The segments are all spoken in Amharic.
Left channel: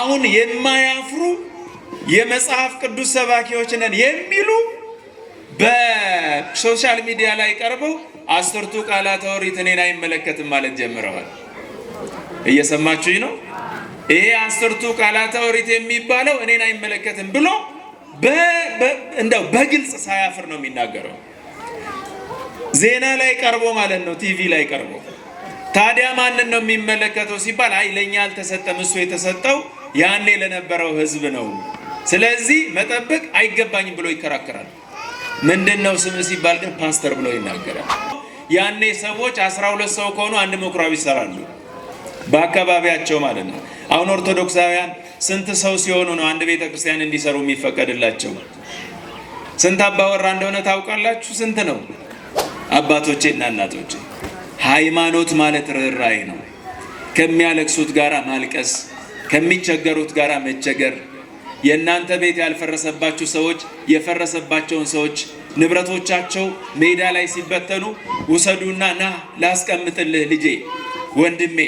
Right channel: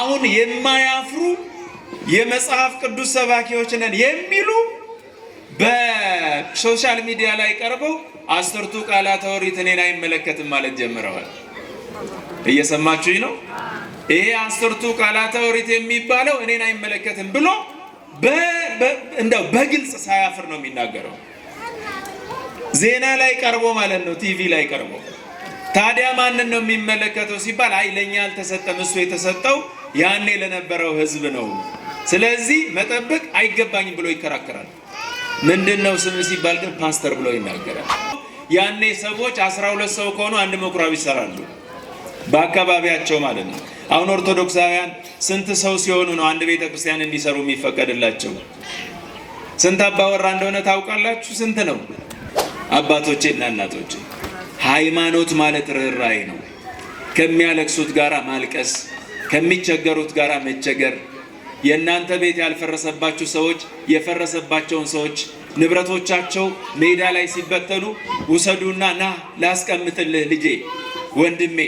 አሁን የማያፍሩ የመጽሐፍ ቅዱስ ሰባኪዎች ነን የሚሉ በሶሻል ሚዲያ ላይ ቀርበው 10ቱ ቃላተ ኦሪት እኔን አይመለከትም ማለት ጀምረዋል። እየሰማችሁኝ ነው? ይሄ 10ቱ ቃላተ ኦሪት የሚባለው እኔን አይመለከትም ብሎ እንደው በግልጽ ሳያፍር ነው የሚናገረው። ዜና ላይ ቀርቦ ማለት ነው፣ ቲቪ ላይ ቀርቦ። ታዲያ ማንን ነው የሚመለከተው ሲባል አይ ለኛ አልተሰጠም፣ እሱ የተሰጠው ያኔ ለነበረው ህዝብ ነው፣ ስለዚህ መጠበቅ አይገባኝም ብሎ ይከራከራል። ምንድነው ስም ሲባል ግን ፓስተር ብሎ ይናገራል። ያኔ ሰዎች 12 ሰው ከሆኑ አንድ ምኩራብ ይሰራሉ በአካባቢያቸው ማለት ነው። አሁን ኦርቶዶክሳውያን ስንት ሰው ሲሆኑ ነው አንድ ቤተ ክርስቲያን እንዲሰሩ የሚፈቀድላቸው? ስንት አባወራ እንደሆነ ታውቃላችሁ? ስንት ነው? አባቶቼ እና እናቶቼ፣ ሃይማኖት ማለት ርኅራኄ ነው። ከሚያለቅሱት ጋራ ማልቀስ፣ ከሚቸገሩት ጋራ መቸገር። የእናንተ ቤት ያልፈረሰባችሁ ሰዎች የፈረሰባቸውን ሰዎች ንብረቶቻቸው ሜዳ ላይ ሲበተኑ ውሰዱና ና ላስቀምጥልህ ልጄ ወንድሜ፣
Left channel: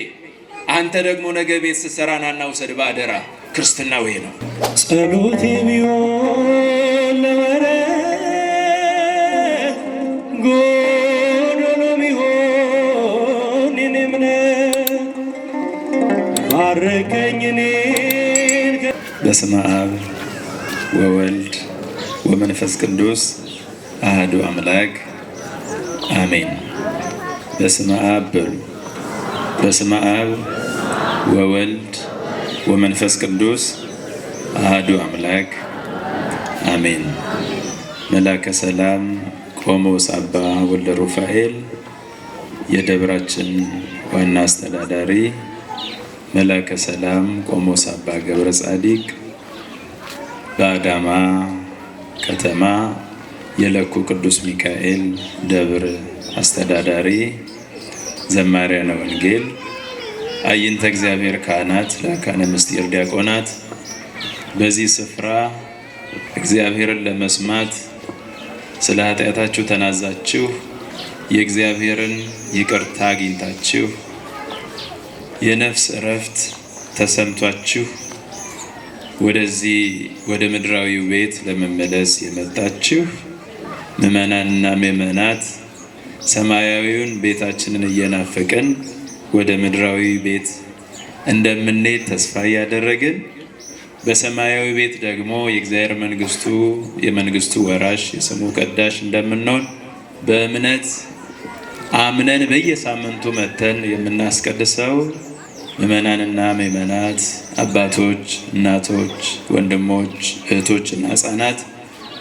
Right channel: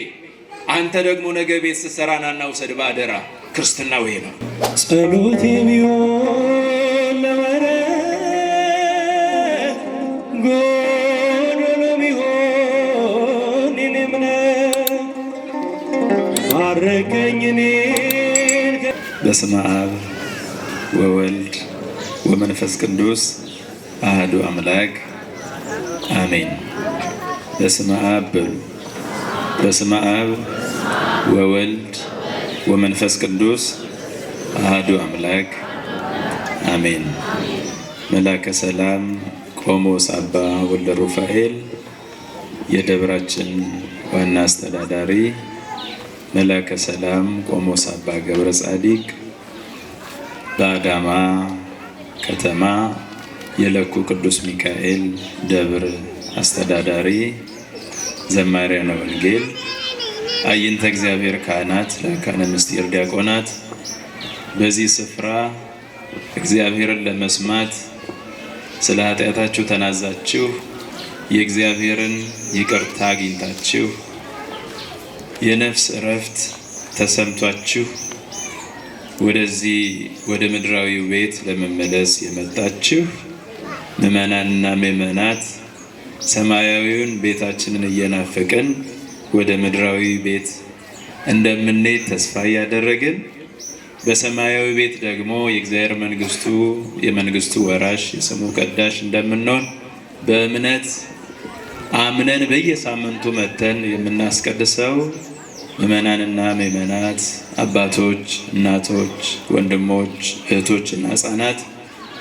አንተ ደግሞ ነገ ቤት ስትሰራና ውሰድ በአደራ። ክርስትና ወይ ነው። ጸሎት የሚሆን ለወረ ጎዶሎ ቢሆን እኔምነ ባረከኝ እኔን። በስመ አብ ወወልድ ወመንፈስ ቅዱስ አሐዱ አምላክ አሜን። በስመ አብ በሉ። በስመ አብ ወወልድ ወመንፈስ ቅዱስ አሐዱ አምላክ አሜን። መላከ ሰላም ቆሞስ አባ ወልደ ሩፋኤል የደብራችን ዋና አስተዳዳሪ፣ መላከ ሰላም ቆሞስ አባ ገብረ ጻዲቅ በአዳማ ከተማ የለኩ ቅዱስ ሚካኤል ደብር አስተዳዳሪ፣ ዘማሪያነ ወንጌል፣ አይንተ እግዚአብሔር ካህናት፣ ላካነ ምስጢር ዲያቆናት፣ በዚህ ስፍራ እግዚአብሔርን ለመስማት ስለ ኃጢአታችሁ ተናዛችሁ የእግዚአብሔርን ይቅርታ አግኝታችሁ የነፍስ እረፍት ተሰምቷችሁ ወደዚህ ወደ ምድራዊው ቤት ለመመለስ የመጣችሁ ምዕመናንና ምዕመናት ሰማያዊውን ቤታችንን እየናፈቅን ወደ ምድራዊ ቤት እንደምንሄድ ተስፋ እያደረግን በሰማያዊ ቤት ደግሞ የእግዚአብሔር የመንግስቱ ወራሽ የስሙ ቀዳሽ እንደምንሆን በእምነት አምነን በየሳምንቱ መተን የምናስቀድሰው ምዕመናንና ምዕመናት፣ አባቶች፣ እናቶች፣ ወንድሞች፣ እህቶች እና ሕፃናት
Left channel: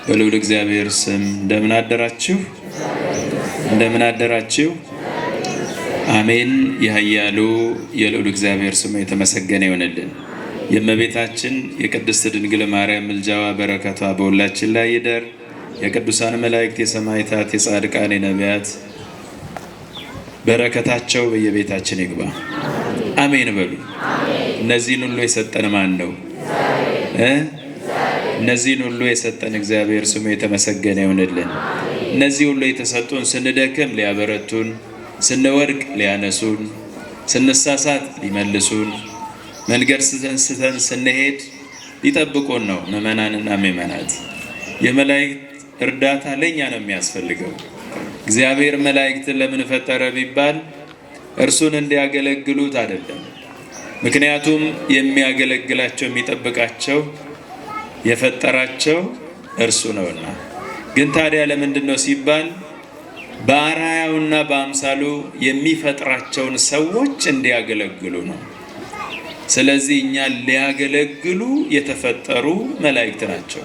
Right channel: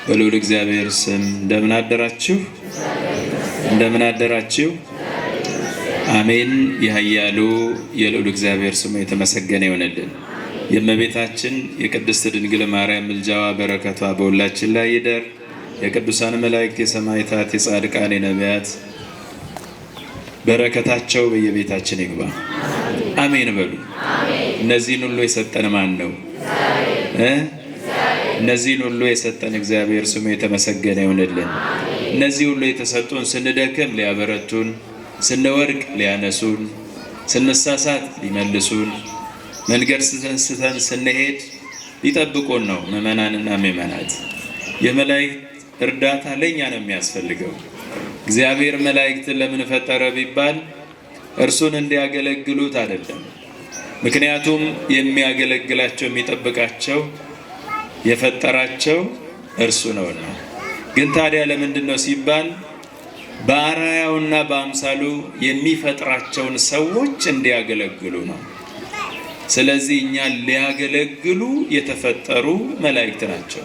በልዑል እግዚአብሔር ስም እንደምን አደራችሁ? እንደምን አደራችሁ? አሜን። የኃያሉ የልዑል እግዚአብሔር ስሙ የተመሰገነ ይሆንልን። የእመቤታችን የቅድስት ድንግል ማርያም ምልጃዋ በረከቷ በሁላችን ላይ ይደር። የቅዱሳን መላእክት፣ የሰማዕታት፣ የጻድቃን፣ የነቢያት በረከታቸው በየቤታችን ይግባ። አሜን በሉ። እነዚህን ሁሉ የሰጠን ማን ነው? እነዚህን ሁሉ የሰጠን እግዚአብሔር ስሙ የተመሰገነ ይሆንልን። እነዚህ ሁሉ የተሰጡን ስንደክም ሊያበረቱን፣ ስንወድቅ ሊያነሱን፣ ስንሳሳት ሊመልሱን፣ መንገድ ስተን ስንሄድ ሊጠብቁን ነው። ምዕመናንና ምዕመናት፣ የመላእክት እርዳታ ለእኛ ነው የሚያስፈልገው። እግዚአብሔር መላእክትን ለምን ፈጠረ ቢባል እርሱን እንዲያገለግሉት አይደለም። ምክንያቱም የሚያገለግላቸው የሚጠብቃቸው የፈጠራቸው እርሱ ነውና። ግን ታዲያ ለምንድን ነው ሲባል በአርአያውና በአምሳሉ የሚፈጥራቸውን ሰዎች እንዲያገለግሉ ነው። ስለዚህ እኛን ሊያገለግሉ የተፈጠሩ መላእክት ናቸው።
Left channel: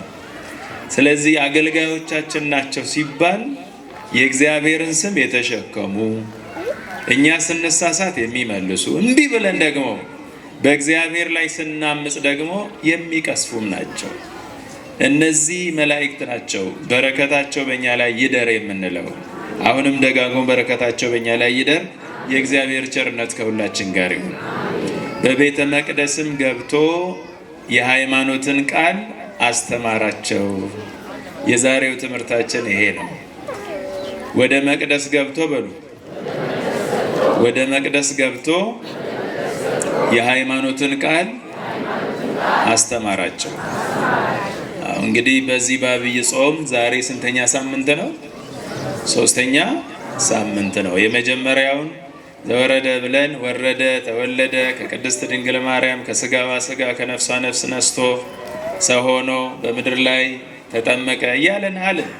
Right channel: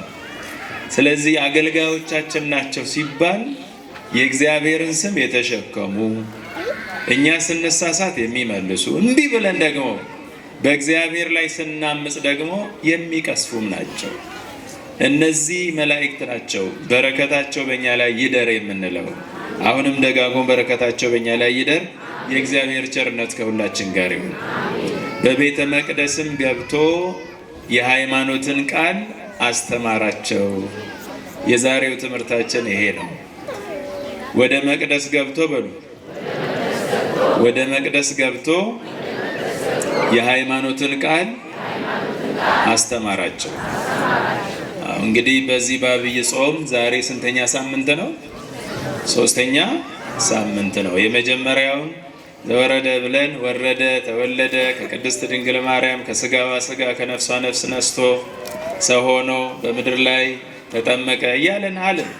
ስለዚህ አገልጋዮቻችን ናቸው ሲባል የእግዚአብሔርን ስም የተሸከሙ፣ እኛ ስንሳሳት የሚመልሱ፣ እንዲህ ብለን ደግሞ በእግዚአብሔር ላይ ስናምጽ ደግሞ የሚቀስፉም ናቸው። እነዚህ መላእክት ናቸው በረከታቸው በእኛ ላይ ይደር የምንለው። አሁንም ደጋግሞ በረከታቸው በእኛ ላይ ይደር። የእግዚአብሔር ቸርነት ከሁላችን ጋር ይሁን። በቤተ መቅደስም ገብቶ የሃይማኖትን ቃል አስተማራቸው። የዛሬው ትምህርታችን ይሄ ነው። ወደ መቅደስ ገብቶ በሉ፣ ወደ መቅደስ ገብቶ የሃይማኖትን ቃል አስተማራቸው። እንግዲህ በዚህ በዐቢይ ጾም ዛሬ ስንተኛ ሳምንት ነው? 3ኛ ሳምንት ነው። የመጀመሪያውን ዘወረደ ብለን ወረደ፣ ተወለደ ከቅድስት ድንግል ማርያም ከስጋዋ ስጋ ከነፍሷ ነፍስ ነስቶ ሰው ሆኖ በምድር ላይ ተጠመቀ እያለን አለን።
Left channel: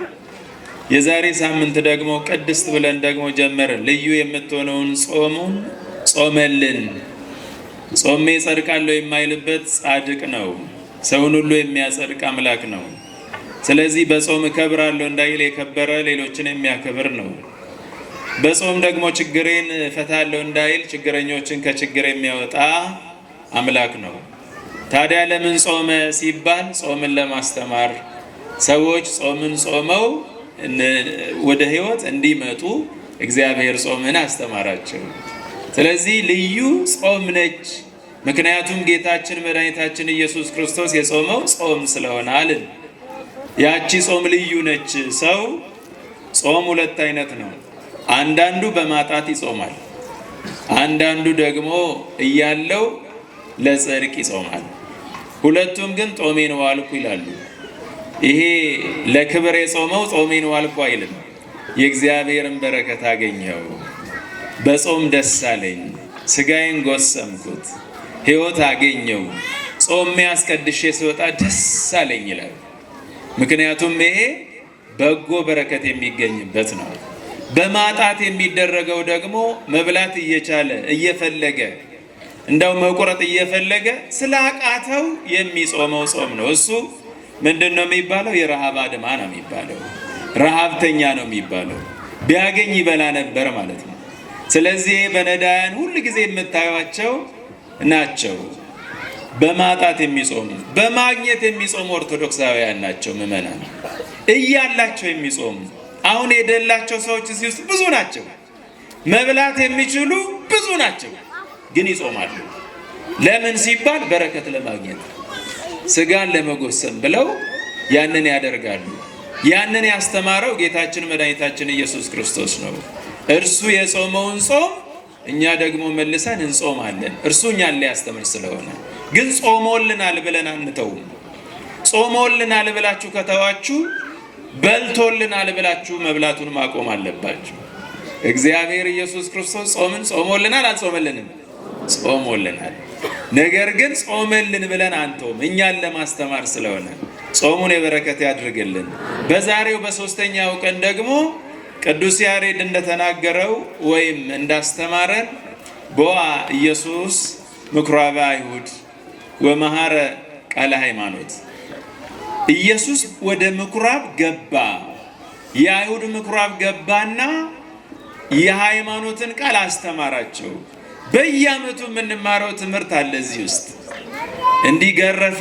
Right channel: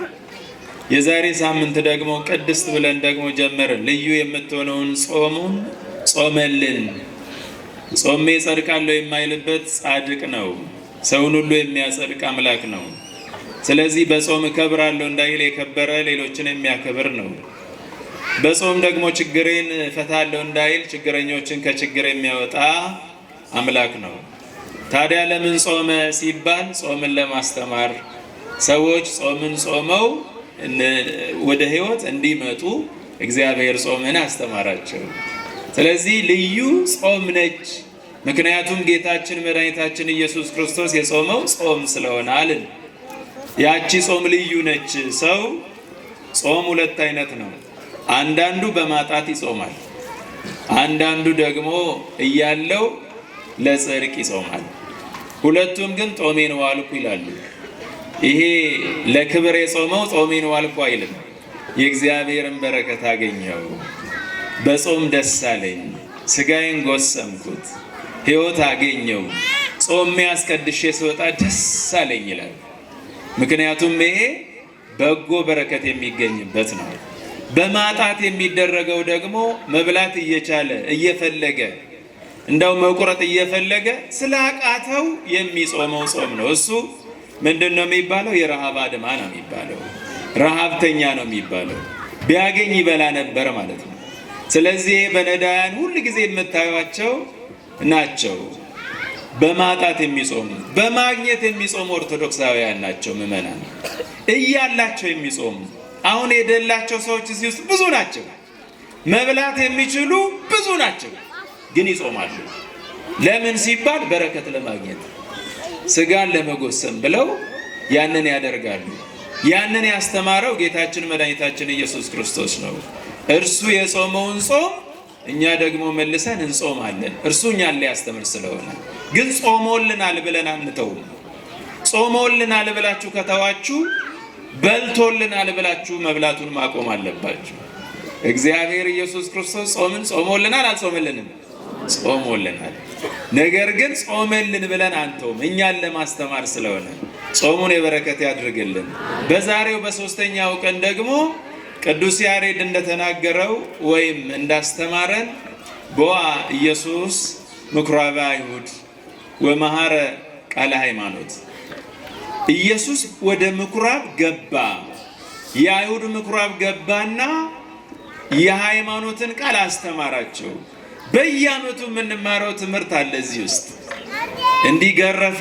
የዛሬ ሳምንት ደግሞ ቅድስት ብለን ደግሞ ጀመርን። ልዩ የምትሆነውን ጾሙን ጾመልን። ጾሜ ጸድቃለሁ የማይልበት ጻድቅ ነው። ሰውን ሁሉ የሚያጸድቅ አምላክ ነው። ስለዚህ በጾም እከብራለሁ እንዳይል የከበረ ሌሎችን የሚያከብር ነው። በጾም ደግሞ ችግሬን እፈታለሁ እንዳይል ችግረኞችን ከችግር የሚያወጣ አምላክ ነው። ታዲያ ለምን ጾመ ሲባል ጾምን ለማስተማር ሰዎች ጾምን ጾመው ወደ ሕይወት እንዲመጡ እግዚአብሔር ጾምን አስተማራቸው። ስለዚህ ልዩ ጾም ነች። ምክንያቱም ጌታችን መድኃኒታችን ኢየሱስ ክርስቶስ የጾመው ጾም ስለሆነ አልን። ያቺ ጾም ልዩ ነች። ሰው ጾም 2 አይነት ነው። አንዳንዱ በማጣት ይጾማል፣ አንዳንዱ ደግሞ እያለው ለጽድቅ ይጾማል። ሁለቱም ግን ጾሜን ዋልኩ ይላሉ። ይሄ ለክብር የጾመው ጾሜን ዋልኩ አይልም። የእግዚአብሔርን በረከት አገኘው፣ በጾም ደስ አለኝ፣ ስጋዬን ጎሰምኩት፣ ሕይወት አገኘው፣ ጾሜ አስቀድሼ ስወጣ ደስ አለኝ ይላል። ምክንያቱም ይሄ በጎ በረከት የሚገኝበት ነው። በማጣት የሚደረገው ደግሞ መብላት እየቻለ እየፈለገ እንደው መቁረጥ እየፈለገ ስላቃተው የሚጾመው ጾም ነው። እሱ ምንድን ነው የሚባለው? የረሃብ አድማ ነው የሚባለው። ረሃብተኛ ነው የሚባለው። ቢያገኝ ይበላ ነበር ማለት ነው። ስለዚህ በነዳያን ሁል ጊዜ የምታዩቸው ናቸው በማጣት የሚጾሙ። በማግኘት የሚጾሙ ኦርቶዶክሳውያን ናቸው ምዕመናን፣ እያላቸው የሚጾሙ። አሁን የደላቸው ሰዎች እዚህ ውስጥ ብዙ ናቸው። መብላት የሚችሉ ብዙ ናቸው፣ ግን ይጾማሉ። ለምን ሲባል በረከት ለማግኘት ስጋን ለመጎሰም ብለው ያንን ያደርጋሉ። ያንን ያስተማረው ጌታችን መድኃኒታችን ኢየሱስ ክርስቶስ ነው። እርሱ የጾመውን ጾም እኛ ደግሞ መልሰን እንጾማለን። እርሱ እኛን ሊያስተምር ስለሆነ። ግን ጾሞልናል ብለን አንተውም። ጾሞልናል ብላችሁ ከተዋችሁ በልቶልናል ብላችሁ መብላቱን ማቆም አለባችሁ። እግዚአብሔር ኢየሱስ ክርስቶስ ጾምን ጾሞልናል አልጾመልንም? ጾሞልናል። ነገር ግን ጾመልን ብለን አንተውም፣ እኛን ለማስተማር ስለሆነ ጾሙን የበረከት ያድርግልን። በዛሬው በ3ኛው ቀን ደግሞ ቅዱስ ያሬድ እንደተናገረው ወይም እንዳስተማረን ቦአ ኢየሱስ ምኵራበ አይሁድ ወመሐረ ቃለ ሃይማኖት፣ ኢየሱስ ወደ ምኩራብ ገባ። የአይሁድ ምኩራብ ገባና የሃይማኖትን ቃል አስተማራቸው። በየዓመቱ የምንማረው ትምህርት አለ እዚህ ውስጥ። እንዲገረፈ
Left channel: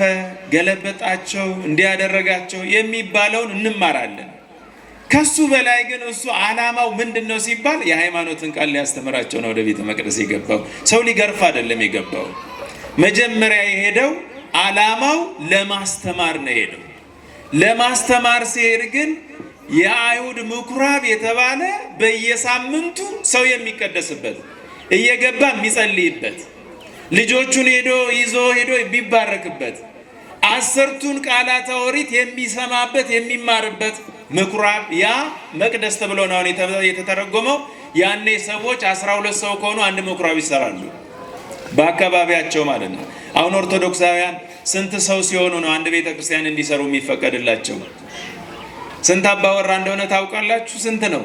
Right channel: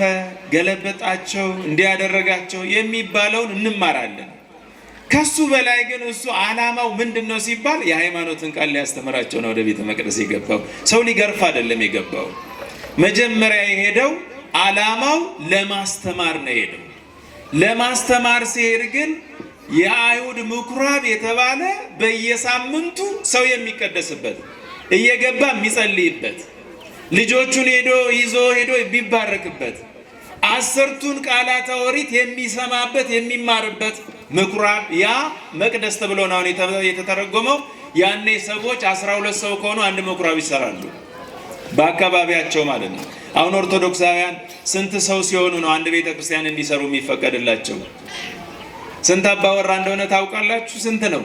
ገለበጣቸው፣ እንዲያደረጋቸው የሚባለውን እንማራለን። ከሱ በላይ ግን እሱ ዓላማው ምንድን ነው ሲባል የሃይማኖትን ቃል ሊያስተምራቸው ነው ወደ ቤተ መቅደስ የገባው። ሰው ሊገርፍ አይደለም የገባው። መጀመሪያ የሄደው ዓላማው ለማስተማር ነው የሄደው። ለማስተማር ሲሄድ ግን የአይሁድ ምኩራብ የተባለ በየሳምንቱ ሰው የሚቀደስበት እየገባ የሚጸልይበት ልጆቹን ይዞ ሄዶ የሚባረክበት 10ቱን ቃላተ ኦሪት የሚሰማበት የሚማርበት ምኩራብ፣ ያ መቅደስ ተብሎ ነው የተተረጎመው። ያኔ ሰዎች 12 ሰው ከሆኑ አንድ ምኩራብ ይሰራሉ በአካባቢያቸው ማለት ነው። አሁን ኦርቶዶክሳውያን ስንት ሰው ሲሆኑ ነው አንድ ቤተ ክርስቲያን እንዲሰሩ የሚፈቀድላቸው? ስንት አባወራ እንደሆነ ታውቃላችሁ? ስንት ነው?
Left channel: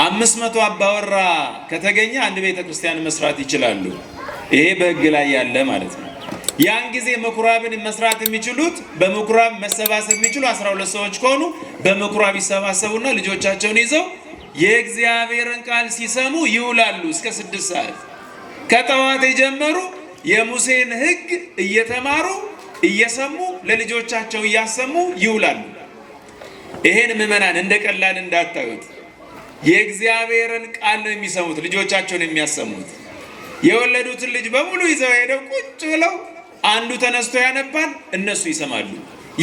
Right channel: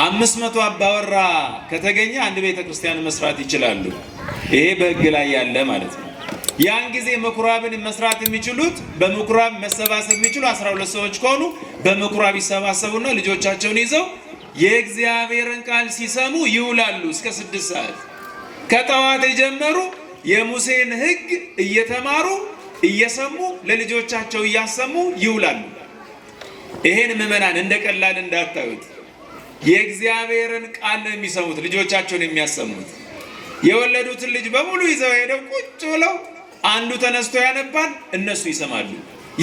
500 አባወራ ከተገኘ አንድ ቤተ ክርስቲያን መስራት ይችላሉ። ይሄ በሕግ ላይ ያለ ማለት ነው። ያን ጊዜ ምኩራብን መስራት የሚችሉት በምኩራብ መሰባሰብ የሚችሉ 12 ሰዎች ከሆኑ በምኩራብ ይሰባሰቡና ልጆቻቸውን ይዘው የእግዚአብሔርን ቃል ሲሰሙ ይውላሉ እስከ 6 ሰዓት። ከጠዋት የጀመሩ የሙሴን ሕግ እየተማሩ እየሰሙ ለልጆቻቸው እያሰሙ ይውላሉ። ይሄን ምዕመናን እንደ ቀላል እንዳታዩት። የእግዚአብሔርን ቃል ነው የሚሰሙት፣ ልጆቻቸውን የሚያሰሙት። የወለዱትን ልጅ በሙሉ ይዘው ሄደው ቁጭ ብለው አንዱ ተነስቶ ያነባል፣ እነሱ ይሰማሉ።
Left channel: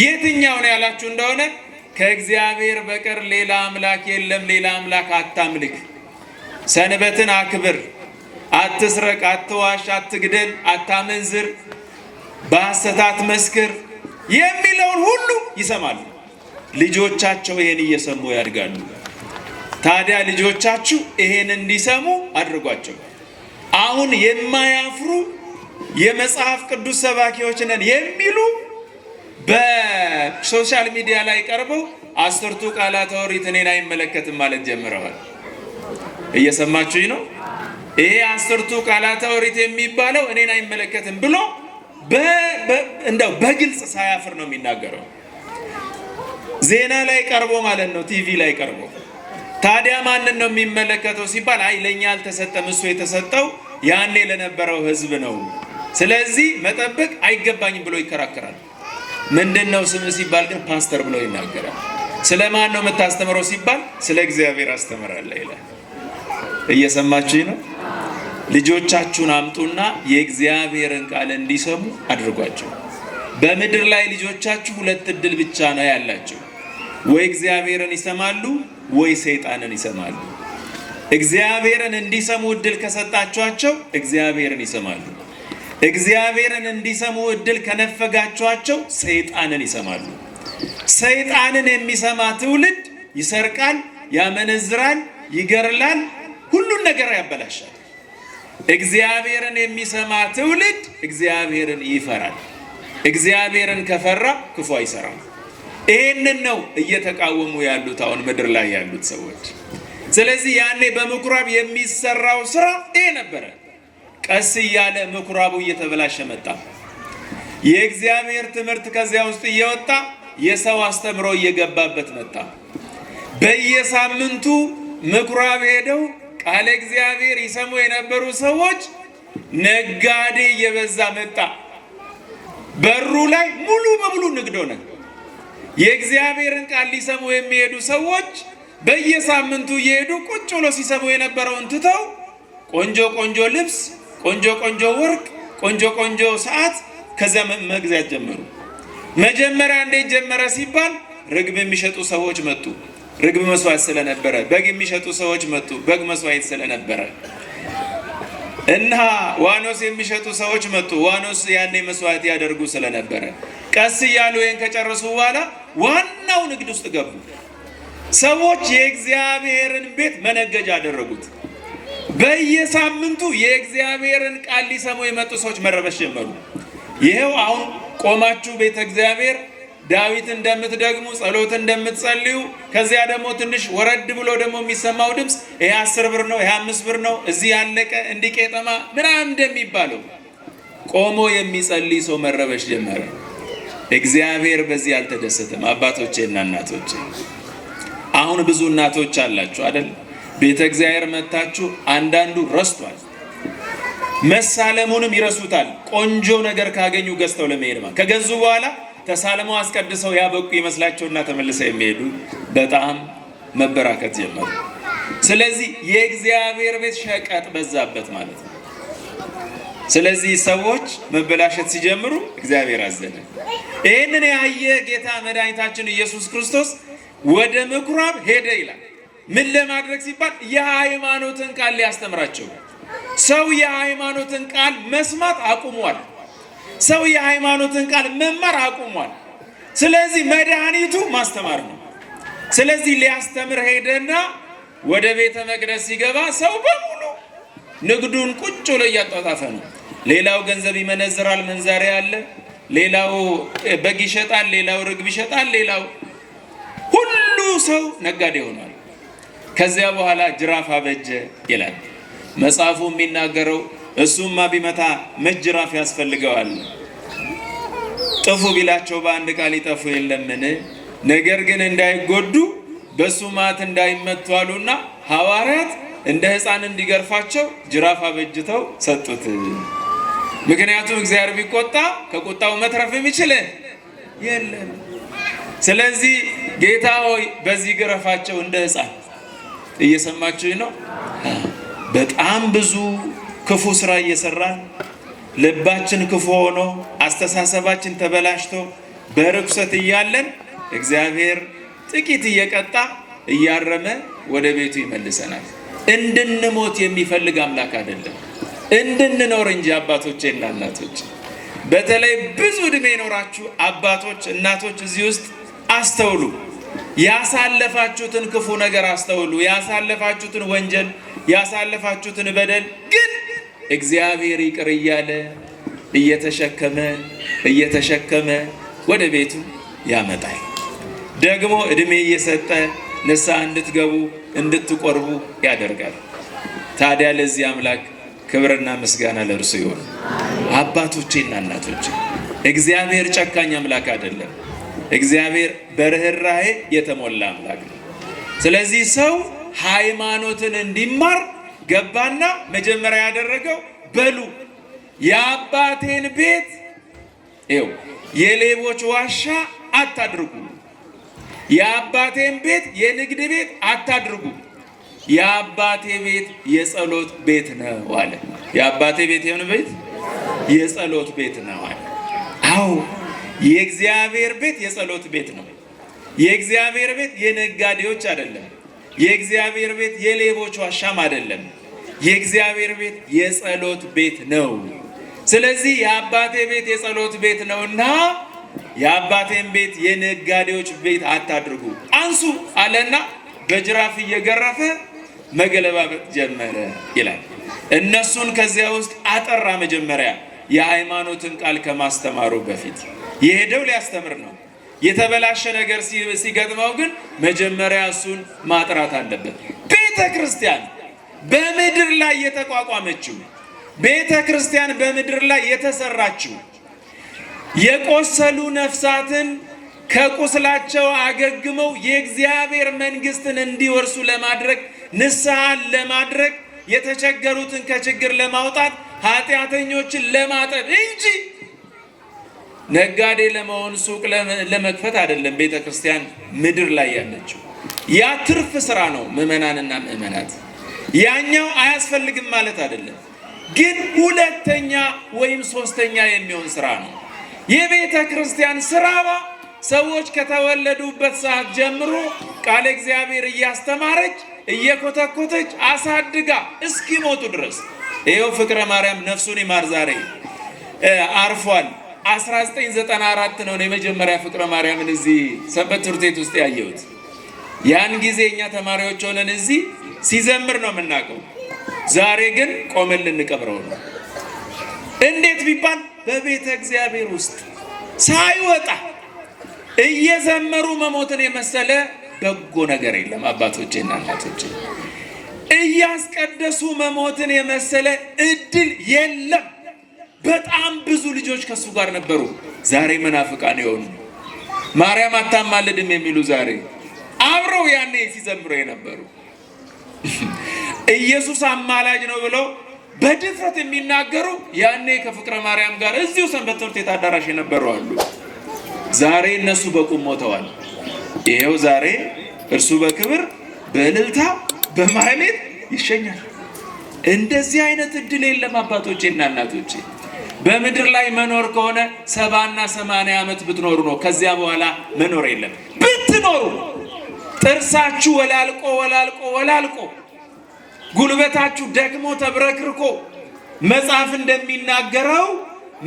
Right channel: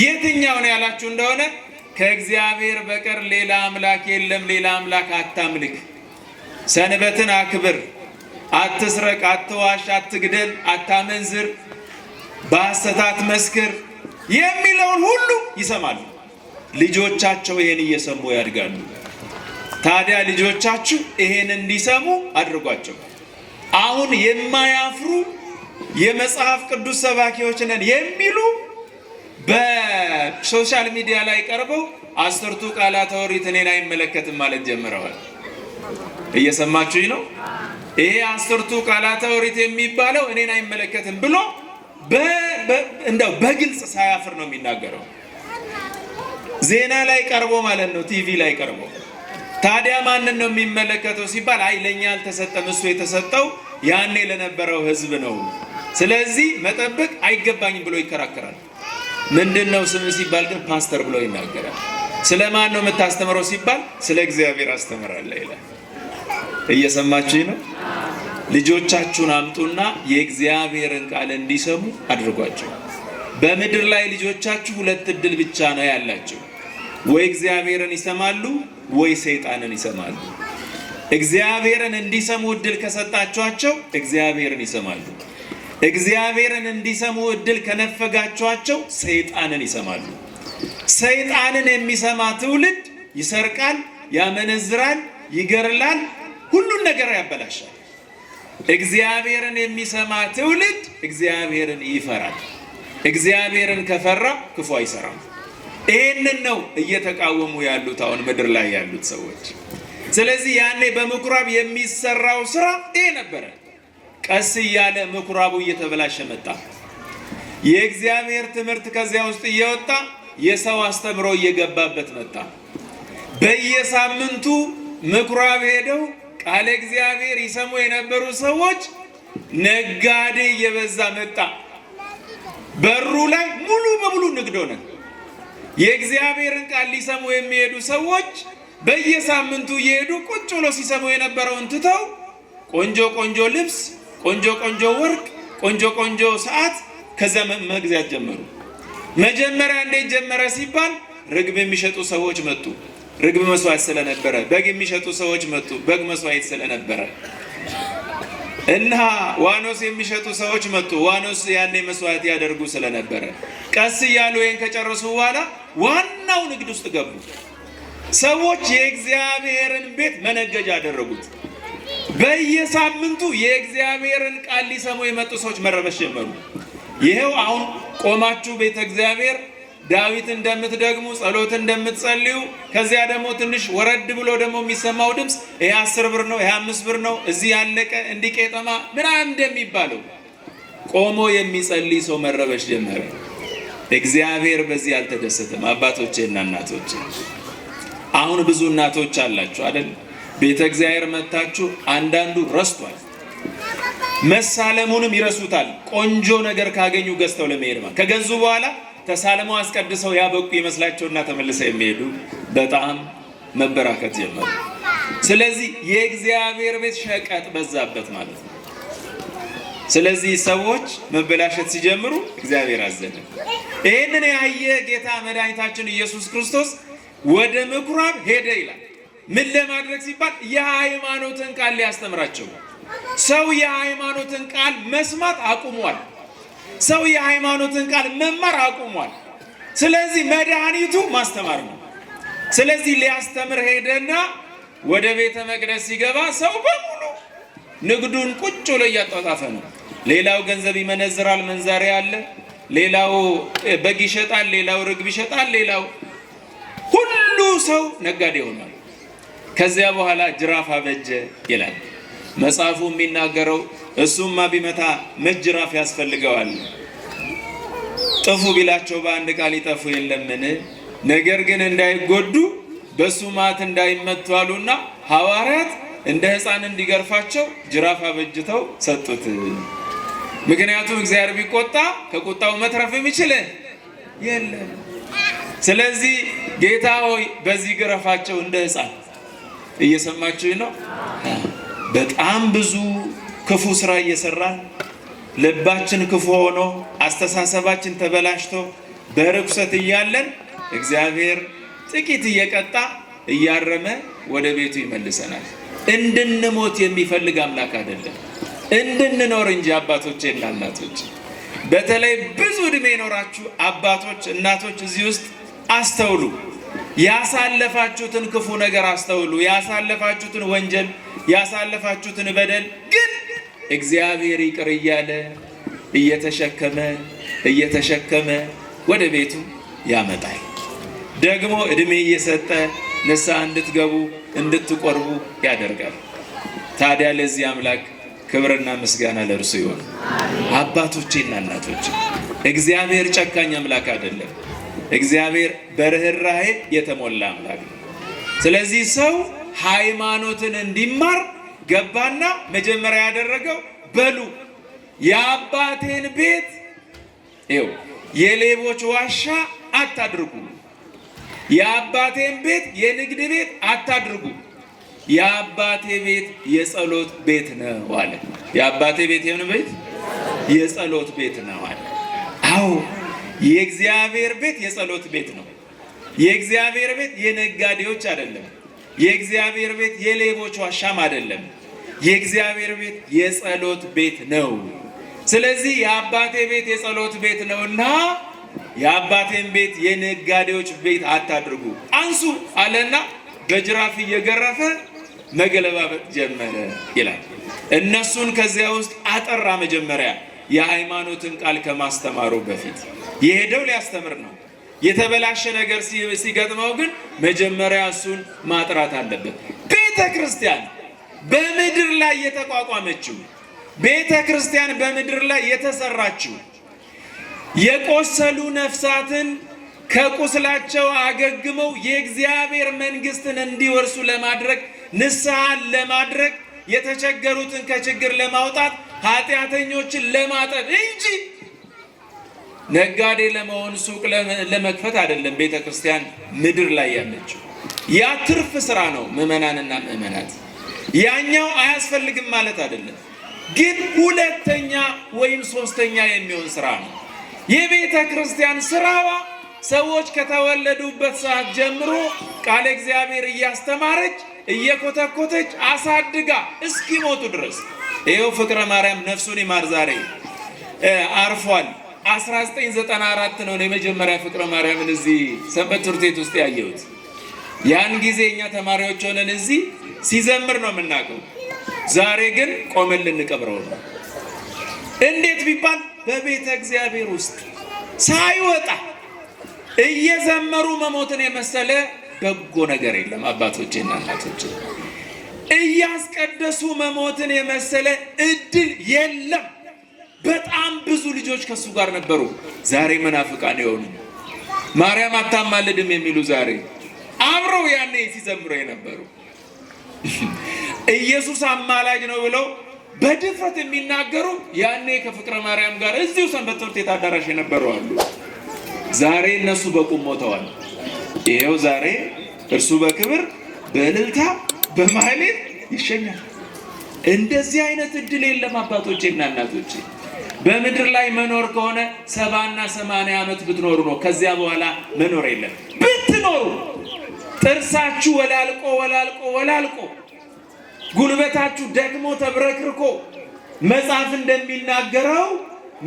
የትኛው ነው ያላችሁ እንደሆነ ከእግዚአብሔር በቀር ሌላ አምላክ የለም፣ ሌላ አምላክ አታምልክ፣ ሰንበትን አክብር፣ አትስረቅ፣ አትዋሽ፣ አትግደል፣ አታመንዝር፣ በሐሰት መስክር የሚለውን ሁሉ ይሰማሉ። ልጆቻቸው ይሄን እየሰሙ ያድጋሉ። ታዲያ ልጆቻችሁ ይሄን እንዲሰሙ አድርጓቸው። አሁን የማያፍሩ የመጽሐፍ ቅዱስ ሰባኪዎች ነን የሚሉ በሶሻል ሚዲያ ላይ ቀርበው 10ቱ ቃላተ ኦሪት እኔን አይመለከትም ማለት ጀምረዋል። እየሰማችሁኝ ነው? ይሄ 10ቱ ቃላተ ኦሪት የሚባለው እኔን አይመለከትም ብሎ እንደው በግልጽ ሳያፍር ነው የሚናገረው። ዜና ላይ ቀርቦ ማለት ነው፣ ቲቪ ላይ ቀርቦ። ታዲያ ማንን ነው የሚመለከተው ሲባል አይ ለኛ አልተሰጠም፣ እሱ የተሰጠው ያኔ ለነበረው ሕዝብ ነው፣ ስለዚህ መጠበቅ አይገባኝም ብሎ ይከራከራል። ምንድነው ስም ሲባል ግን ፓስተር ብሎ ይናገራል። ስለማን ነው የምታስተምረው ሲባል ስለ እግዚአብሔር አስተምራለሁ ይላል። እየሰማችሁኝ ነው? ልጆቻችሁን አምጡና የእግዚአብሔርን ቃል እንዲሰሙ አድርጓቸው። በምድር ላይ ልጆቻችሁ ሁለት እድል ብቻ ነው ያላቸው። ወይ እግዚአብሔርን ይሰማሉ ወይ ሰይጣንን ይሰማሉ። እግዚአብሔርን እንዲሰሙ እድል ከሰጣችኋቸው እግዚአብሔርን ይሰማሉ። እግዚአብሔርን እንዲሰሙ እድል ከነፈጋችኋቸው ሰይጣንን ይሰማሉ። ሰይጣንን የሚሰማ ትውልድ ይሰርቃል፣ ያመነዝራል፣ ይገርላል፣ ሁሉን ነገር ያበላሻል። እግዚአብሔርን የሚሰማ ትውልድ እግዚአብሔርን ይፈራል። እግዚአብሔርን ከፈራ ክፉ አይሰራም። ይህንን ነው እየተቃወሙ ያሉት አሁን ምድር ላይ ያሉት ሰዎች። ስለዚህ ያኔ በምኩራብ የሚሰራው ስራ ይሄ ነበረ። ቀስ እያለ ምኩራቡ እየተበላሸ መጣ። የእግዚአብሔር ትምህርት ከዚያ ውስጥ እየወጣ የሰው አስተምሮ እየገባበት መጣ። በየሳምንቱ ምኩራብ ሄደው ቃለ እግዚአብሔር ይሰሙ የነበሩ ሰዎች ነጋዴ እየበዛ መጣ። በሩ ላይ ሙሉ በሙሉ ንግድ ሆነ። የእግዚአብሔርን ቃል ሊሰሙ የሚሄዱ ሰዎች በየሳምንቱ እየሄዱ ቁጭ ብሎ ሲሰሙ የነበረውን ትተው ቆንጆ ቆንጆ ልብስ፣ ቆንጆ ቆንጆ ወርቅ፣ ቆንጆ ቆንጆ ሰዓት ከዛ መግዛት ጀመሩ። መጀመሪያ እንዴት ጀመረ ሲባል ርግብ የሚሸጡ ሰዎች መጡ። ርግብ መስዋዕት ስለነበረ። በግ የሚሸጡ ሰዎች መጡ። በግ መስዋዕት ስለነበረ። እና ዋኖስ የሚሸጡ ሰዎች መጡ። ዋኖስ ያኔ መስዋዕት ያደርጉ ስለነበረ። ቀስ እያሉ ይህን ከጨረሱ በኋላ ዋናው ንግድ ውስጥ ገቡ። ሰዎች የእግዚአብሔርን ቤት መነገጃ አደረጉት። በየሳምንቱ የእግዚአብሔርን ቃል ሊሰሙ የመጡ ሰዎች መረበሽ ጀመሩ። ይሄው አሁን ቆማችሁ ቤተ እግዚአብሔር ዳዊት እንደምትደግሙ ጸሎት እንደምትጸልዩ ከዚያ ደግሞ ትንሽ ወረድ ብሎ ደግሞ የሚሰማው ድምፅ ይሄ 10 ብር ነው፣ ይሄ 5 ብር ነው፣ እዚህ ያለቀ እንዲህ ቄጠማ ምናምን እንደሚባለው ቆሞ የሚጸልይ ሰው መረበሽ ጀመረ። እግዚአብሔር በዚህ አልተደሰተም። አባቶቼና እናቶቼ፣ አሁን ብዙ እናቶች አላችሁ አይደል? ቤተ እግዚአብሔር መታችሁ አንዳንዱ ረስቷል። መሳለሙንም ይረሱታል። ቆንጆ ነገር ካገኙ ገዝተው ለመሄድ ማለት ከገዙ በኋላ ተሳለመው አስቀድሰው ያበቁ ይመስላቸውና ተመልሰው የሚሄዱ በጣም መበራከት ጀመሩ። ስለዚህ የእግዚአብሔር ቤት ሸቀጥ በዛበት ማለት ነው። ስለዚህ ሰዎች መበላሸት ሲጀምሩ እግዚአብሔር አዘነ። ይህንን ያየ ጌታ መድኃኒታችን ኢየሱስ ክርስቶስ ወደ ምኩራብ ሄደ ይላል። ምን ለማድረግ ሲባል የሃይማኖትን ቃል ሊያስተምራቸው። ሰው የሃይማኖትን ቃል መስማት አቁሟል። ሰው የሃይማኖትን ቃል መማር አቁሟል። ስለዚህ መድኃኒቱ ማስተማር ነው። ስለዚህ ሊያስተምር ሄደና ወደ ቤተ መቅደስ ሲገባ ሰው በሙሉ ንግዱን ቁጭ ብሎ እያጣጣፈ ነው። ሌላው ገንዘብ ይመነዝራል፣ መንዛሪ አለ። ሌላው በግ ይሸጣል፣ ሌላው ርግብ ይሸጣል፣ ሌላው ሁሉ ሰው ነጋዴ ሆኗል። ከዚያ በኋላ ጅራፍ አበጀ ይላል መጽሐፉ የሚናገረው። እሱማ ቢመታ መች ጅራፍ ያስፈልገዋል? ጥፉ ቢላቸው በአንድ ቃል ይጠፉ የለምን? ነገር ግን እንዳይጎዱ በሱ ማት እንዳይመቱ አሉና ሐዋርያት እንደ ሕፃን እንዲገርፋቸው ጅራፍ አበጅተው ሰጡት። ምክንያቱም እግዚአብሔር ቢቆጣ ከቁጣው መትረፍ የሚችል የለም። ስለዚህ ጌታ ሆይ በዚህ ግረፋቸው እንደ ሕፃን። እየሰማችሁ ነው? በጣም ብዙ ክፉ ስራ እየሰራን ልባችን ክፉ ሆኖ አስተሳሰባችን ተበላሽቶ በርኩሰት እያለን እግዚአብሔር ጥቂት እየቀጣ እያረመ ወደ ቤቱ ይመልሰናል። እንድንሞት የሚፈልግ አምላክ አይደለም፣ እንድንኖር እንጂ። አባቶቼና እናቶቼ በተለይ ብዙ ዕድሜ ኖራችሁ አባቶች እናቶች እዚህ ውስጥ አስተውሉ። ያሳለፋችሁትን ክፉ ነገር አስተውሉ። ያሳለፋችሁትን ወንጀል፣ ያሳለፋችሁትን በደል ግን እግዚአብሔር ይቅር እያለ እየተሸከመ ወደ ቤቱ ያመጣል። ደግሞ ዕድሜ እየሰጠ ንስሐ እንድትገቡ እንድትቆርቡ ያደርጋል። ታዲያ ለዚህ አምላክ ክብርና ምስጋና ለእርሱ ይሁን። አባቶቼና እናቶቼ እግዚአብሔር ጨካኝ አምላክ አይደለም። እግዚአብሔር በርህራሄ የተሞላ አምላክ ነው። ስለዚህ ሰው ሃይማኖትን እንዲማር ገባና መጀመሪያ ያደረገው በሉ የአባቴን ቤት የሌቦች ዋሻ አታድርጉ፣ የአባቴን ቤት የንግድ ቤት አታድርጉ፣ የአባቴ ቤት የጸሎት ቤት ነው አለ። የአባቴ ቤት የምን ቤት? የጸሎት ቤት ነው አለ። አዎ የእግዚአብሔር ቤት የጸሎት ቤት ነው። የእግዚአብሔር ቤት የነጋዴዎች አይደለም። የእግዚአብሔር ቤት የሌቦች ዋሻም አይደለም። የእግዚአብሔር ቤት የጸሎት ቤት ነው። ስለዚህ የአባቴ ቤት የጸሎት ቤት ነውና የአባቴን ቤት የነጋዴዎች ቤት አታድርጉ አንሱ አለና በጅራፍ እየገረፈ መገለባበጥ ጀመረ ይላል። እነሱን ከዚያ ውስጥ አጠራ። መጀመሪያ የሃይማኖትን ቃል ከማስተማሩ በፊት የሄደው ሊያስተምር ነው። የተበላሸ ነገር ሲገጥመው ግን መጀመሪያ እሱን ማጥራት አለበት። ቤተ ክርስቲያን በምድር ላይ የተቋቋመችው፣ ቤተ ክርስቲያን በምድር ላይ የተሰራችው የቆሰሉ ነፍሳትን ከቁስላቸው አገግመው የእግዚአብሔር መንግስትን እንዲወርሱ ለማድረግ፣ ንስሐን ለማድረግ፣ የተቸገሩትን ከችግር ለማውጣት፣ ኃጢአተኞችን ለማጠብ እንጂ ነጋዴ ለመሆን ሱቅ ለመክፈት አይደለም። ቤተ ክርስቲያን ምድር ላይ ያለችው ያ ትርፍ ስራ ነው። ምዕመናንና ምዕመናት ያኛው አያስፈልግም ማለት አይደለም፣ ግን ሁለተኛ ወይም ሶስተኛ የሚሆን ስራ ነው። የቤተ ክርስቲያን ስራዋ ሰዎች ከተወለዱበት ሰዓት ጀምሮ ቃለ እግዚአብሔር እያስተማረች እየኮተኮተች አሳድጋ እስኪሞቱ ድረስ። ይኸው ፍቅረ ማርያም ነፍሱን ይማር ዛሬ አርፏል። 1994 ነው የመጀመሪያ ፍቅረ ማርያምን እዚህ ሰንበት ትምህርት ቤት ውስጥ ያየሁት። ያን ጊዜ እኛ ተማሪዎች ሆነን እዚህ ሲዘምር ነው የምናውቀው። ዛሬ ግን ቆመን ልንቀብረው ነው። እንዴት ቢባል በቤተ እግዚአብሔር ውስጥ ሳይወጣ እየዘመሩ መሞትን የመሰለ በጎ ነገር የለም። አባቶቼና እናቶቼ እያስቀደሱ መሞትን የመሰለ እድል የለም። በጣም ብዙ ልጆች ከሱ ጋር ነበሩ። ዛሬ መናፍቃን የሆኑ ማርያም አታማልድም የሚሉ ዛሬ አብረው ያኔ ሲዘምሩ የነበሩ ኢየሱስ አማላጅ ነው ብለው በድፍረት የሚናገሩ ያኔ ከፍቅረ ማርያም ጋር እዚሁ ሰንበት ትምህርት ቤት አዳራሽ የነበሩ አሉ። ዛሬ እነሱ በቁም ሞተዋል። ይሄው ዛሬ እርሱ በክብር በእልልታ በማህሌት ይሸኛል። እንደዚህ አይነት እድል የለም አባቶቼና እናቶቼ። በምድር ላይ መኖር ከሆነ 70 እና 80 ዓመት ብትኖሩ ነው። ከዚያ በኋላ መኖር የለም። ብትኖሩ ጥርሳችሁ ወላልቆ ጉልበታችሁ ደክሞ ተብረክርኮ መጽሐፍ እንደሚናገረው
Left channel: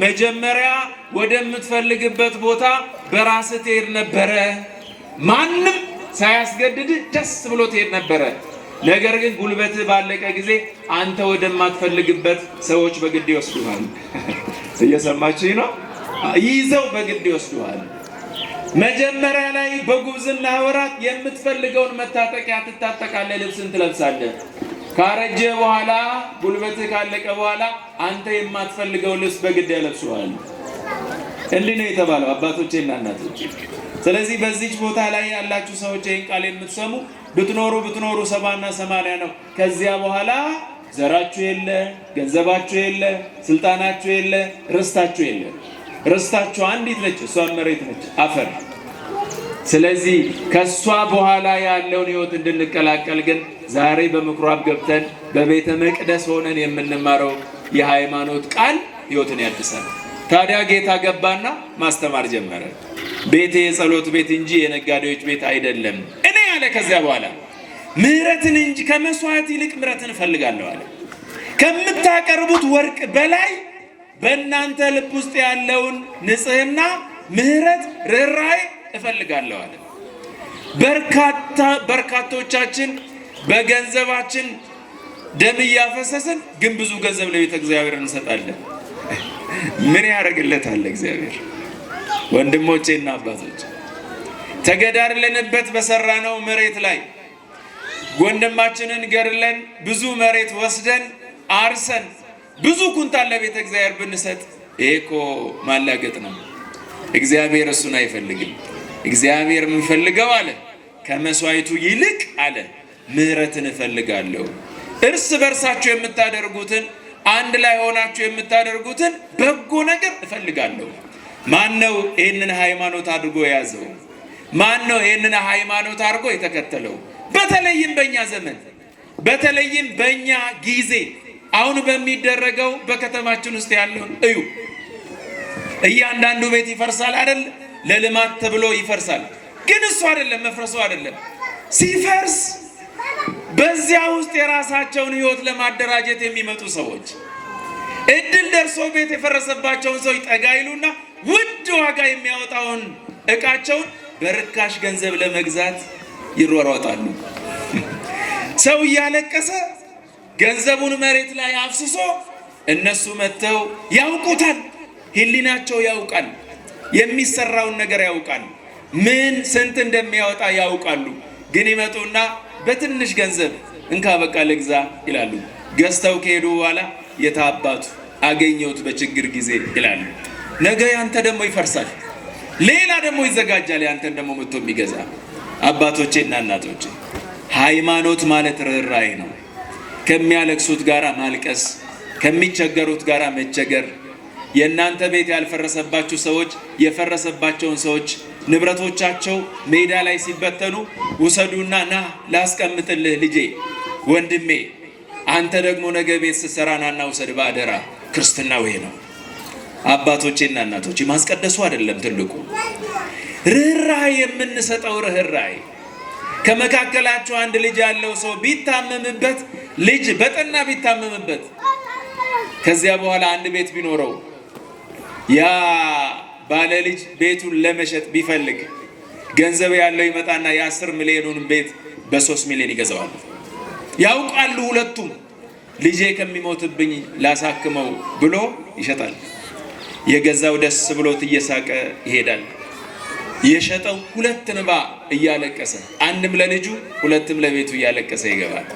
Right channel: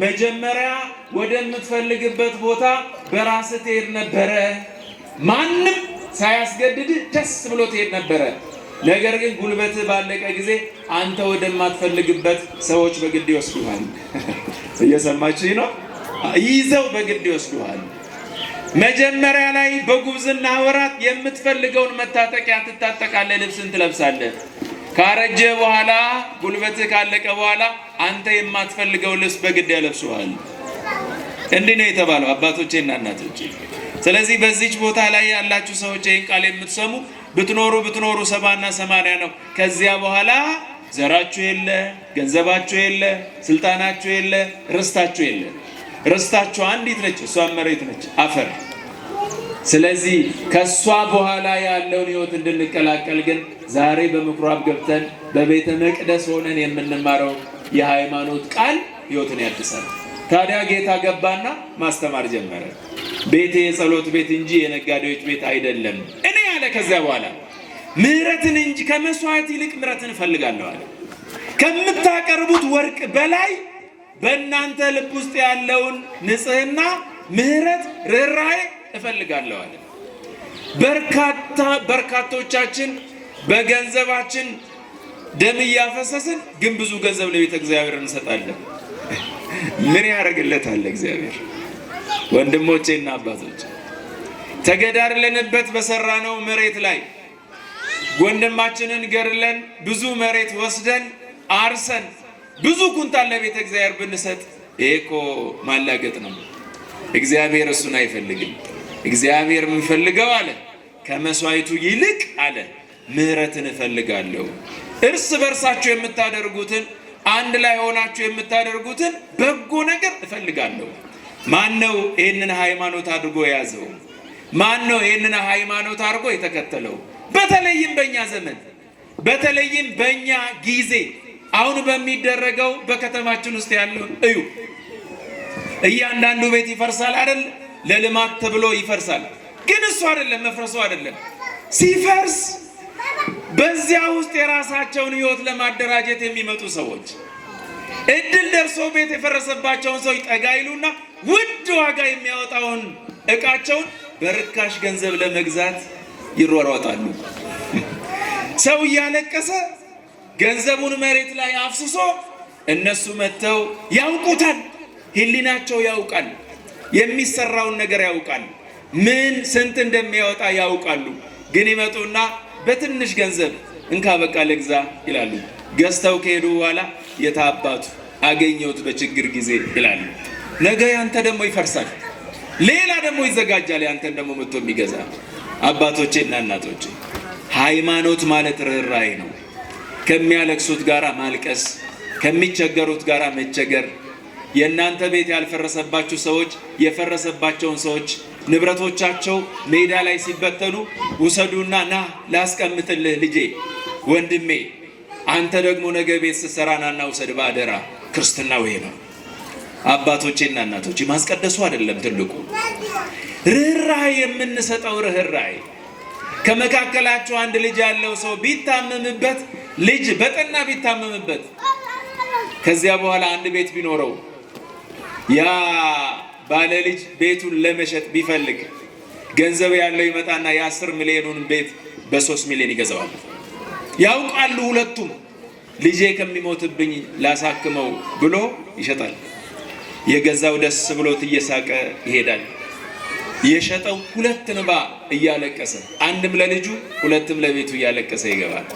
መጀመሪያ ወደምትፈልግበት ቦታ በራስህ ትሄድ ነበረ። ማንም ሳያስገድድ ደስ ብሎ ትሄድ ነበረ። ነገር ግን ጉልበትህ ባለቀ ጊዜ አንተ ወደማትፈልግበት ሰዎች በግድ ይወስዱሃል። እየሰማችሁኝ ነው? ይዘው በግድ ይወስዱሃል። መጀመሪያ ላይ በጉብዝና ወራት የምትፈልገውን መታጠቂያ ትታጠቃለህ፣ ልብስን ትለብሳለህ። ካረጀ በኋላ ጉልበትህ ካለቀ በኋላ አንተ የማትፈልገው ልብስ በግድ ያለብሱሃል። እንዲህ ነው የተባለው አባቶቼና እናቶቼ። ስለዚህ በዚች ቦታ ላይ ያላችሁ ሰዎች ይህን ቃል የምትሰሙ ብትኖሩ 70 እና 80 ነው። ከዚያ በኋላ ዘራችሁ የለ፣ ገንዘባችሁ የለ፣ ስልጣናችሁ የለ፣ ርስታችሁ የለ። ርስታችሁ አንዲት ነች፣ እሷም መሬት ነች፣ አፈር። ስለዚህ ከሷ በኋላ ያለውን ህይወት እንድንቀላቀል ግን ዛሬ በምኩራብ ገብተን በቤተ መቅደስ ሆነን የምንማረው የሃይማኖት ቃል ህይወትን ያድሳል። ታዲያ ጌታ ገባና ማስተማር ጀመረ። ቤቴ የጸሎት ቤት እንጂ የነጋዴዎች ቤት አይደለም እኔ ያለ። ከዚያ በኋላ ምህረትን እንጂ ከመስዋዕት ይልቅ ምህረትን እፈልጋለሁ አለ። ከምታቀርቡት ወርቅ በላይ በእናንተ ልብ ውስጥ ያለውን ንጽህና፣ ምህረት፣ ርኅራኄ እፈልጋለሁ አለ። በርካቶቻችን በገንዘባችን ደም እያፈሰስን ግን ብዙ ገንዘብ ለቤተ እግዚአብሔር እንሰጣለን። ምን ያደርግለታል እግዚአብሔር? ወንድሞቼና አባቶች ተገዳድለንበት በሰራነው መሬት ላይ ወንድማችንን ገድለን ብዙ መሬት ወስደን አርሰን ብዙ ኩንታል ለቤተ እግዚአብሔር ብንሰጥ ይሄ እኮ ማላገጥ ነው። እግዚአብሔር እሱን አይፈልግም። እግዚአብሔር የምንፈልገው አለ ከመስዋዕቱ ይልቅ አለ ምህረትን እፈልጋለሁ። እርስ በርሳችሁ የምታደርጉትን አንድ ላይ ሆናችሁ የምታደርጉትን በጎ ነገር እፈልጋለሁ። ማን ነው ይህንን ሃይማኖት አድርጎ የያዘው? ማን ነው ይህንን ሃይማኖት አድርጎ የተከተለው? በተለይም በእኛ ዘመን፣ በተለይም በእኛ ጊዜ አሁን በሚደረገው በከተማችን ውስጥ ያለውን እዩ። እያንዳንዱ ቤት ይፈርሳል አይደል? ለልማት ተብሎ ይፈርሳል። ግን እሱ አይደለም መፍረሱ አይደለም። ሲፈርስ በዚያ ውስጥ የራሳቸውን ሕይወት ለማደራጀት የሚመጡ ሰዎች እድል ደርሶ ቤት የፈረሰባቸውን ሰዎች ጠጋ ይሉና ውድ ዋጋ የሚያወጣውን ዕቃቸውን በርካሽ ገንዘብ ለመግዛት ይሯሯጣሉ። ሰው እያለቀሰ ገንዘቡን መሬት ላይ አፍስሶ እነሱ መጥተው ያውቁታል። ሕሊናቸው ያውቃል። የሚሰራውን ነገር ያውቃል። ምን ስንት እንደሚያወጣ ያውቃሉ። ግን ይመጡና በትንሽ ገንዘብ እንካ በቃ ልግዛ ይላሉ። ገዝተው ከሄዱ በኋላ የታባቱ አገኘሁት በችግር ጊዜ ይላሉ። ነገ ያንተ ደግሞ ይፈርሳል። ሌላ ደግሞ ይዘጋጃል ያንተን ደግሞ መጥቶ የሚገዛ። አባቶቼ እና እናቶቼ ሃይማኖት ማለት ርኅራኄ ነው። ከሚያለቅሱት ጋራ ማልቀስ፣ ከሚቸገሩት ጋራ መቸገር። የእናንተ ቤት ያልፈረሰባችሁ ሰዎች የፈረሰባቸውን ሰዎች ንብረቶቻቸው ሜዳ ላይ ሲበተኑ ውሰዱና ና ላስቀምጥልህ ልጄ፣ ወንድሜ፣ አንተ ደግሞ ነገ ቤት ስትሰራ ናና ውሰድ በአደራ። ክርስትና ወይ ነው። አባቶቼና እናቶቼ ማስቀደሱ አይደለም ትልቁ ርኅራኄ የምንሰጠው ርኅራኄ። ከመካከላችሁ አንድ ልጅ ያለው ሰው ቢታመምበት፣ ልጅ በጠና ቢታመምበት፣ ከዚያ በኋላ አንድ ቤት ቢኖረው ያ ባለ ልጅ ቤቱን ለመሸጥ ቢፈልግ ገንዘብ ያለው ይመጣና የ10 ሚሊዮኑን ቤት በ3 ሚሊዮን ይገዛዋል። ያውቃሉ ሁለቱም። ልጄ ከሚሞትብኝ ላሳክመው ብሎ ይሸጣል። የገዛው ደስ ብሎት እየሳቀ ይሄዳል። የሸጠው ሁለት እንባ እያለቀሰ፣ አንድም ለልጁ ሁለትም ለቤቱ እያለቀሰ ይገባል።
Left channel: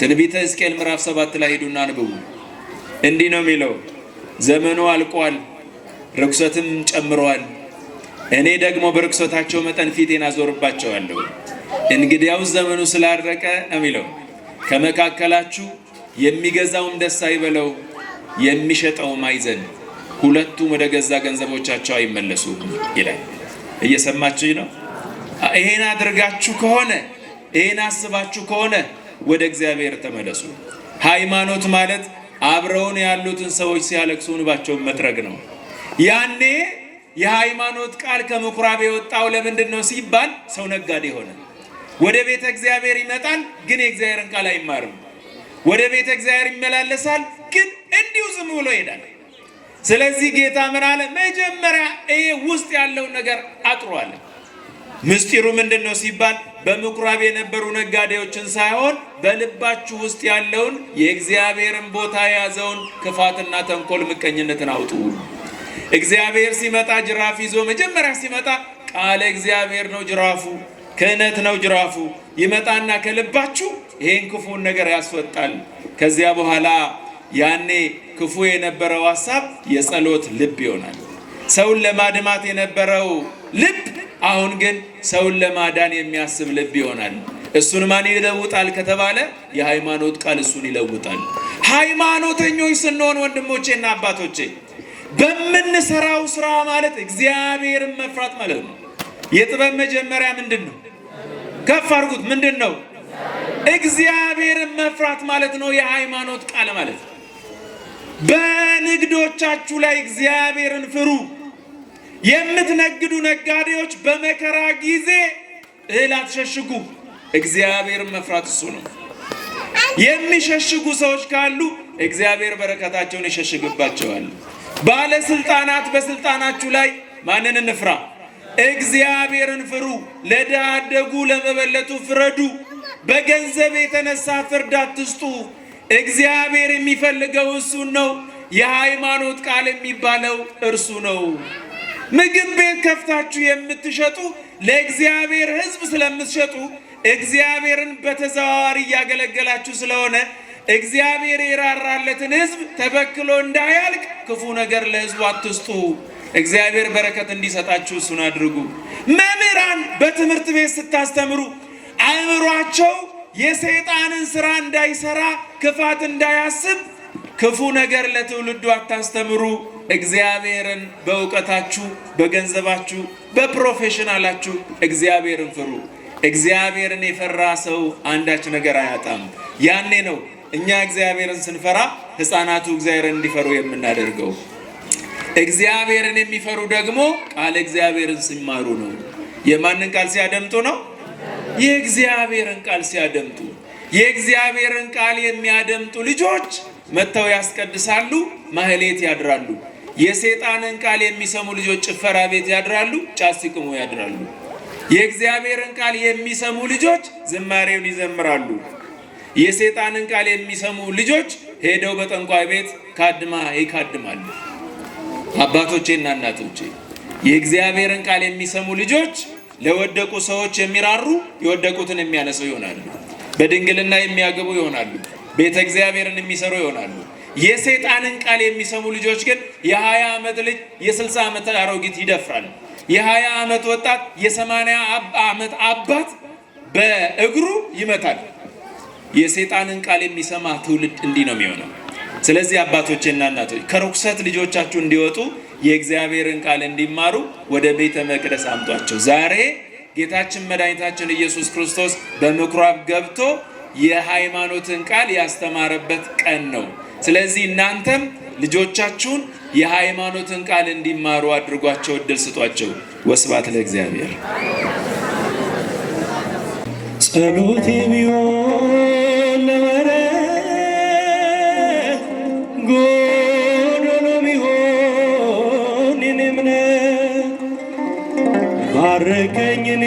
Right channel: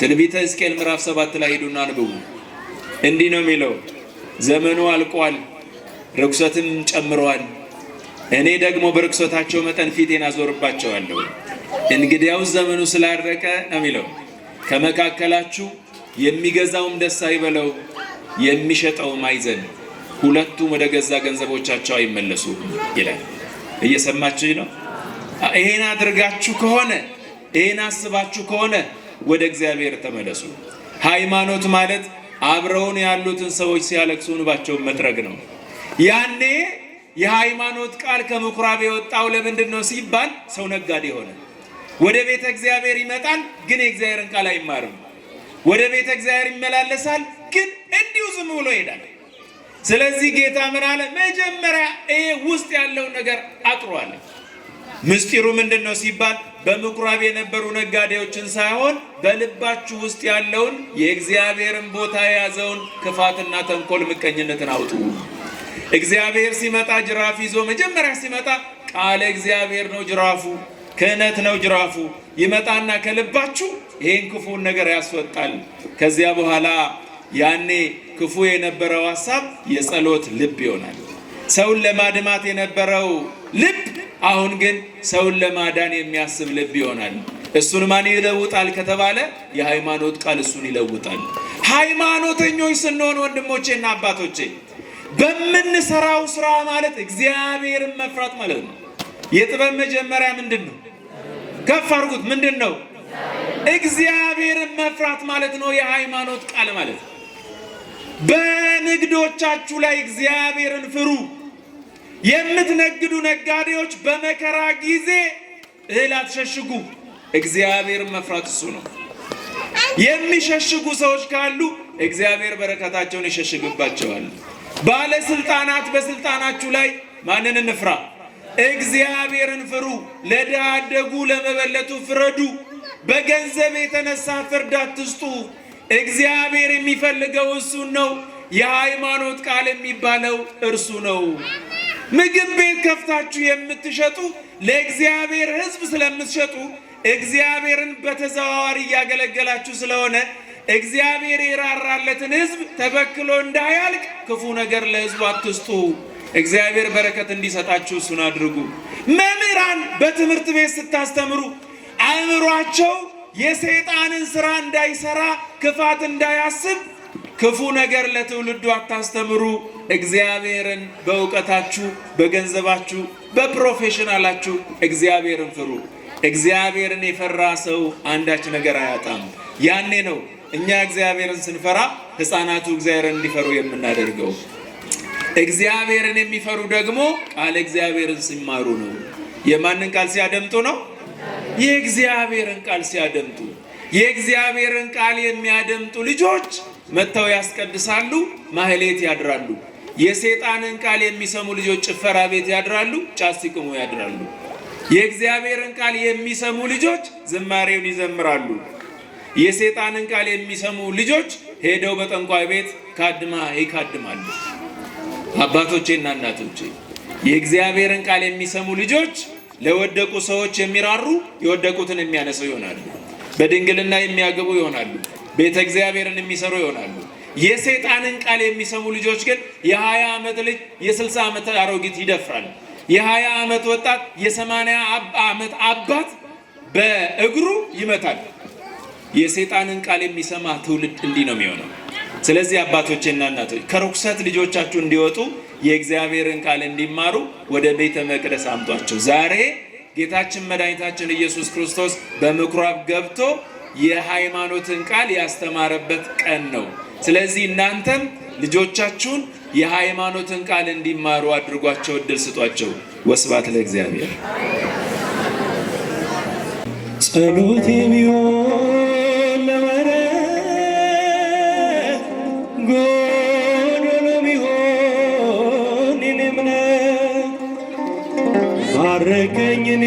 ትንቢተ ሕዝቅኤል ምዕራፍ 7 ላይ ሄዱና አንብቡ። እንዲህ ነው የሚለው፣ ዘመኑ አልቋል፣ ርኩሰትም ጨምረዋል። እኔ ደግሞ በርኩሰታቸው መጠን ፊቴን አዞርባቸዋለሁ። እንግዲያውስ ዘመኑ ስላረቀ የሚለው ከመካከላችሁ የሚገዛውም ደስ አይበለው፣ የሚሸጠውም አይዘን፣ ሁለቱም ወደ ገዛ ገንዘቦቻቸው አይመለሱ ይላል። እየሰማችሁኝ ነው? ይሄን አድርጋችሁ ከሆነ ይሄን አስባችሁ ከሆነ ወደ እግዚአብሔር ተመለሱ። ሃይማኖት ማለት አብረውን ያሉትን ሰዎች ሲያለቅሱ እንባቸውን መጥረግ ነው። ያኔ የሃይማኖት ቃል ከምኩራብ የወጣው ለምንድን ነው ሲባል ሰው ነጋዴ ሆነ። ወደ ቤተ እግዚአብሔር ይመጣል፣ ግን የእግዚአብሔርን ቃል አይማርም። ወደ ቤተ እግዚአብሔር ይመላለሳል፣ ግን እንዲሁ ዝም ብሎ ይሄዳል። ስለዚህ ጌታ ምን አለ? መጀመሪያ ይሄ ውስጥ ያለውን ነገር አጥሯል። ምስጢሩ ምንድን ነው ሲባል በምኩራብ የነበሩ ነጋዴዎችን ሳይሆን በልባችሁ ውስጥ ያለውን የእግዚአብሔርን ቦታ የያዘውን ክፋትና ተንኮል፣ ምቀኝነትን አውጡ። እግዚአብሔር ሲመጣ ጅራፍ ይዞ መጀመሪያ ሲመጣ ቃለ እግዚአብሔር ነው ጅራፉ፣ ክህነት ነው ጅራፉ። ይመጣና ከልባችሁ ይሄን ክፉን ነገር ያስወጣል። ከዚያ በኋላ ያኔ ክፉ የነበረው ሐሳብ የጸሎት ልብ ይሆናል። ሰውን ለማድማት የነበረው ልብ አሁን ግን ሰውን ለማዳን የሚያስብ ልብ ይሆናል። እሱን ማን ይለውጣል ከተባለ የሃይማኖት ቃል እሱን ይለውጣል። ሃይማኖተኞች ስንሆን ወንድሞቼና አባቶቼ በምንሰራው ስራ ማለት እግዚአብሔርን መፍራት ማለት ነው። የጥበብ መጀመሪያ ምንድን ነው? ከፍ አድርጉት። ምንድን ነው? እግዚአብሔርን መፍራት ማለት ነው። የሃይማኖት ቃል ማለት ነው። በንግዶቻችሁ ላይ እግዚአብሔርን ፍሩ። የምትነግዱ ነጋዴዎች በመከራ ጊዜ እህል አትሸሽጉ። እግዚአብሔርን መፍራት እሱ ነው። የሚሸሽጉ ሰዎች ካሉ እግዚአብሔር በረከታቸውን ይሸሽግባቸዋል። ባለስልጣናት በስልጣናችሁ ላይ ማንን እንፍራ? እግዚአብሔርን ፍሩ። ለድሃ አደጉ ለመበለቱ ፍረዱ። በገንዘብ የተነሳ ፍርድ አትስጡ። እግዚአብሔር የሚፈልገው እሱን ነው። የሃይማኖት ቃል የሚባለው እርሱ ነው። ምግብ ቤት ከፍታችሁ የምትሸጡ ለእግዚአብሔር ሕዝብ ስለምትሸጡ እግዚአብሔርን በተዘዋዋሪ እያገለገላችሁ ስለሆነ እግዚአብሔር የራራለትን ሕዝብ ተበክሎ እንዳያልቅ ክፉ ነገር ለሕዝቡ አትስጡ። እግዚአብሔር በረከት እንዲሰጣችሁ እሱን አድርጉ። መምህራን በትምህርት ቤት ስታስተምሩ አእምሯቸው የሰይጣንን ስራ እንዳይሰራ ክፋት እንዳያስብ ክፉ ነገር ለትውልዱ አታስተምሩ። እግዚአብሔርን በእውቀታችሁ፣ በገንዘባችሁ፣ በፕሮፌሽናላችሁ እግዚአብሔርን ፍሩ። እግዚአብሔርን የፈራ ሰው አንዳች ነገር አያጣም። ያኔ ነው እኛ እግዚአብሔርን ስንፈራ ሕፃናቱ እግዚአብሔርን እንዲፈሩ የምናደርገው። እግዚአብሔርን የሚፈሩ ደግሞ ቃል እግዚአብሔርን ሲማሩ ነው። የማንን ቃል ሲያደምጡ ነው? የእግዚአብሔርን ቃል ሲያደምጡ። የእግዚአብሔርን ቃል የሚያደምጡ ልጆች መጥተው ያስቀድሳሉ፣ ማህሌት ያድራሉ። የሰይጣንን ቃል የሚሰሙ ልጆች ጭፈራ ቤት ያድራሉ፣ ጫት ሲቅሙ ያድራሉ። የእግዚአብሔርን ቃል የሚሰሙ ልጆች ዝማሬውን ይዘምራሉ። የሰይጣንን ቃል የሚሰሙ ልጆች ሄደው በጠንቋይ ቤት ካድማ ይካድማሉ። አባቶቼና እናቶቼ የእግዚአብሔርን ቃል የሚሰሙ ልጆች ለወደቁ ሰዎች የሚራሩ የወደቁትን የሚያነሱ ይሆናሉ። በድንግልና የሚያገቡ ይሆናሉ። ቤተ እግዚአብሔርን የሚሰሩ ይሆናሉ። የሰይጣንን ቃል የሚሰሙ ልጆች ግን የ20 ዓመት ልጅ የ60 ዓመት አሮጊት ይደፍራል። የ20 ዓመት ወጣት የ80 ዓመት አባት በእግሩ ይመታል። የሰይጣንን ቃል የሚሰማ ትውልድ እንዲህ ነው የሚሆነው። ስለዚህ አባቶቼና እናቶች ከርኩሰት ልጆቻችሁ እንዲወጡ የእግዚአብሔርን ቃል እንዲማሩ ወደ ቤተ መቅደስ አምጧቸው። ዛሬ ጌታችን መድኃኒታችን ኢየሱስ ክርስቶስ በምኩራብ ገብቶ የሃይማኖትን ቃል ያስተማረበት ቀን ነው። ስለዚህ እናንተም ልጆቻችሁን የሃይማኖትን ቃል እንዲማሩ አድርጓቸው፣ እድል ስጧቸው። ወስብሐት ለእግዚአብሔር። ጸሎቴ ቢሆን ለመረት ጎዶሎ ቢሆን የኔ እምነት ባረከኝ እኔ